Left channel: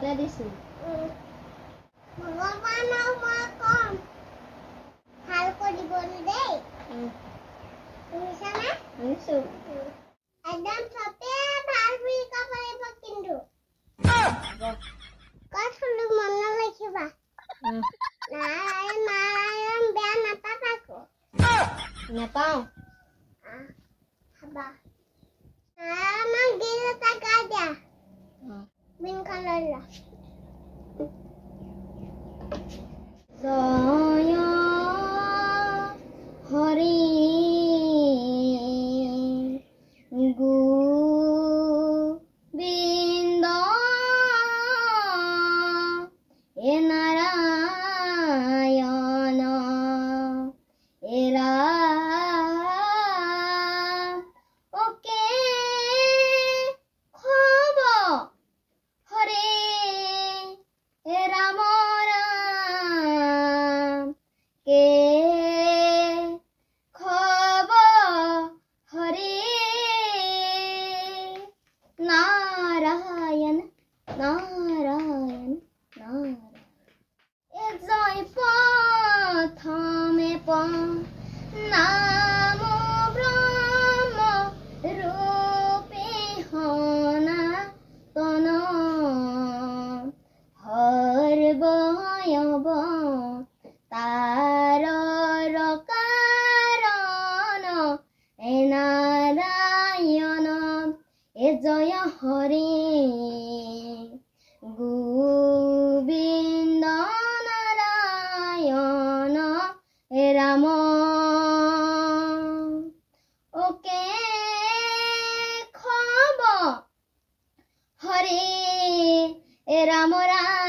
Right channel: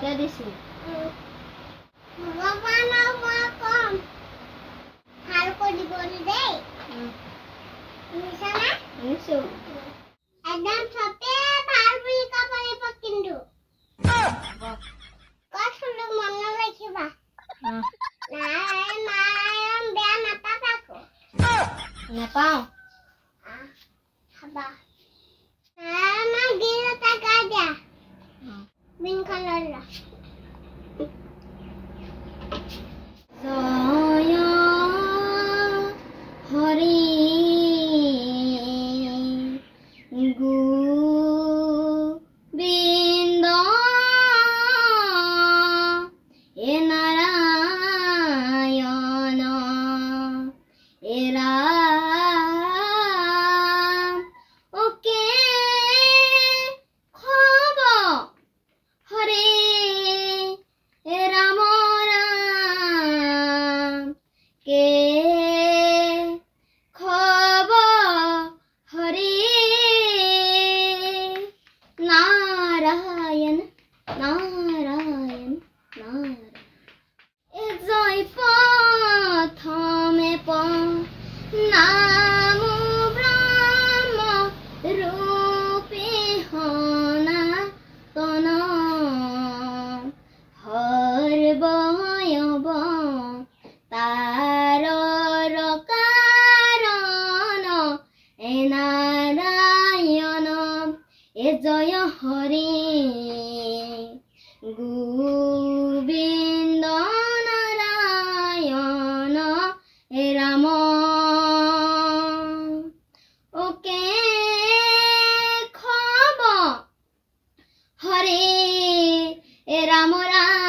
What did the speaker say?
আগতে দিছিল ভগৱান ভাল কৰিব দেই শুনিছানে শুনিছো একদম চবে ভাল বুলি ক'ব লাগিব কিন্তু কৈছিলো মনত ৰাখিবা নাৰায়ণ বেয়া নাপাবা আকৌ নেপাওঁ খাবা নাৰায়ণৰ গীত এটা গাই দিয়া বিনখন লৈ লোৱা জয় হৰি গোবিন্দ এ নাৰায়ণ এ ৰাম ওকে খব হৰে এ ৰাম ৰাম কে খব হৰে নাৰায়ণ নাৰায়ণ নাৰায়ণ এ জয় প্ৰথমে নাম ব্ৰহ্ম ৰূপে সনাতন হৰবয়ব তাৰ কাৰণ এ নাৰায়ণ এ জয় হৰি গোবিন্দ নাৰায়ণ এ ৰাম ওকে খব হৰে এ ৰাম ৰাম